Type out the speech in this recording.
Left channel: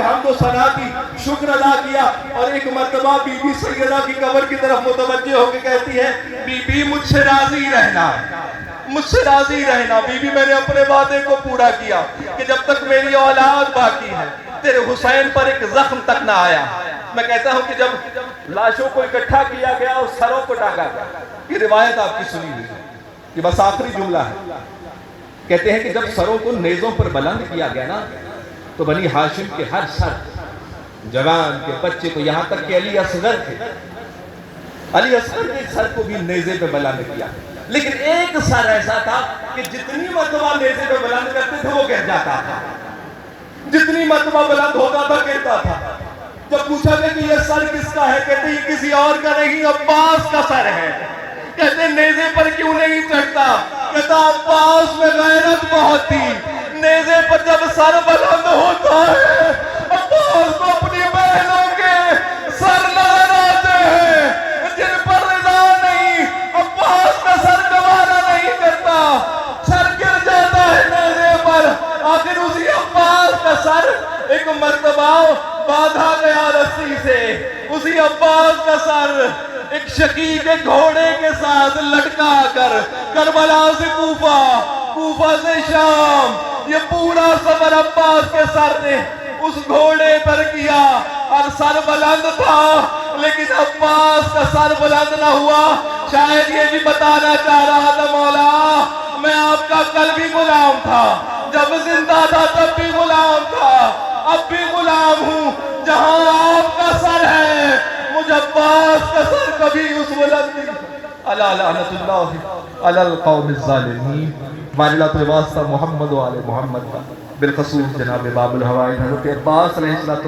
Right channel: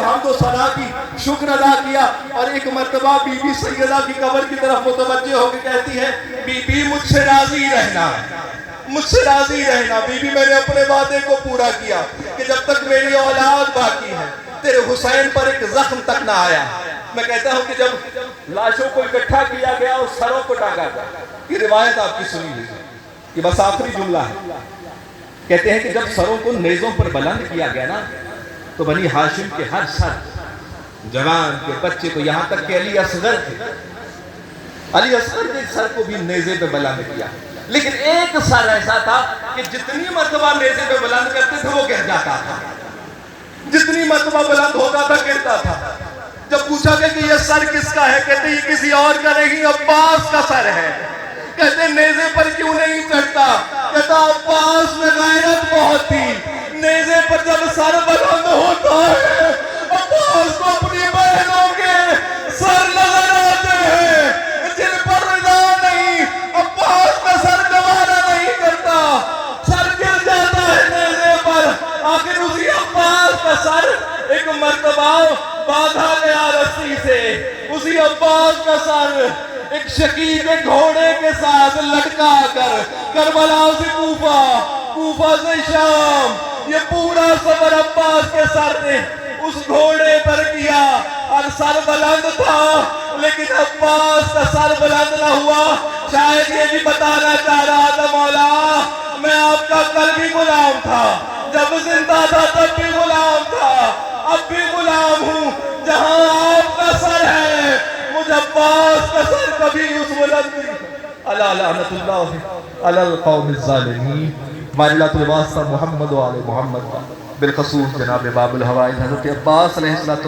کی حمد و ثنا کی، شکر ادا کیا، اور ایک مرتبہ بی بی سیدہ کی قبر کی طرف متوجہ ہو کے کہتی ہے بی بی مجھ سے راضی رہنا، مجھ سے راضی رہنا بی بی، میں نے اپنے وعدے کو پورا کیا کہ جب تک میری اولاد باقی ہے تیرے حسین پر ایک زخم تک نہ آیا۔ میں کہتا ہوں کہ جب لاشوں کو اکٹھا کیا گیا اور سروں کو ٹانگا گیا، یہ روایت آپ کی سنی ہوئی ہے، یہ بس آخری جملہ ہے، کہتے ہیں کہ جب سروں کو نیزوں پر بلند کیا گیا نا تو بنی ہاشم کے ہر سر، جوان کے بچے کو، یہاں تک کہ علی اصغر کے سر کو بھی نیزے پہ بلند کیا، لیکن ایک سر ایسا تھا کہ جتنی مرتبہ نیزے پہ بلند کرتے تھے وہ گر جاتا تھا، جتنی مرتبہ بلند ہوتا تھا گرتا تھا۔ جب پوچھا گیا کہ یہ سر کس کا ہے، کہتے یہ کسی اور کا نہیں، عباس کا سر ہے۔ کہتے نیزے پر کیوں نہیں پھینکتا؟ کہتا عباس میں غیرت بہت تھی، نیزے پر جب سر بلند ہوتا ہے عباس کو اپنی بہنوں کے سر نظر آتے ہیں جن پر رضا نہیں، عباس کا سر گوارا نہیں کرتا، سر گر جاتا ہے نیزے پر۔ آخر اسی عباس کا سر ایک مرتبہ باندھا گیا رسی سے، اسی عباس کا سر ایک شقیق گھوڑے کے ساتھ لٹکا کر کربلا سے کوفہ، کوفہ سے شام، یہ پورا سفر عباس کے سر نے اس گھوڑے پر کیا، اور سر بلند تھا لیکن عباس کا سر بلند نہ ہوا۔ شاید یہ بھی بتانا چاہ رہا تھا مولا میں آپ کا کل بھی غلام تھا، جب زندہ تھا تب بھی غلام تھا، اب بھی غلام ہوں، جہاں آپ کا سر ہے مجھ عباس کا سر کبھی اس بلند نہیں۔ الا لعنت اللہ علی القوم الظالمین۔ ہماری اللہ کے واسطہ محمد و آل محمد کا، بالخصوص جناب باب الحوائج حضرت عباس علیہ السلام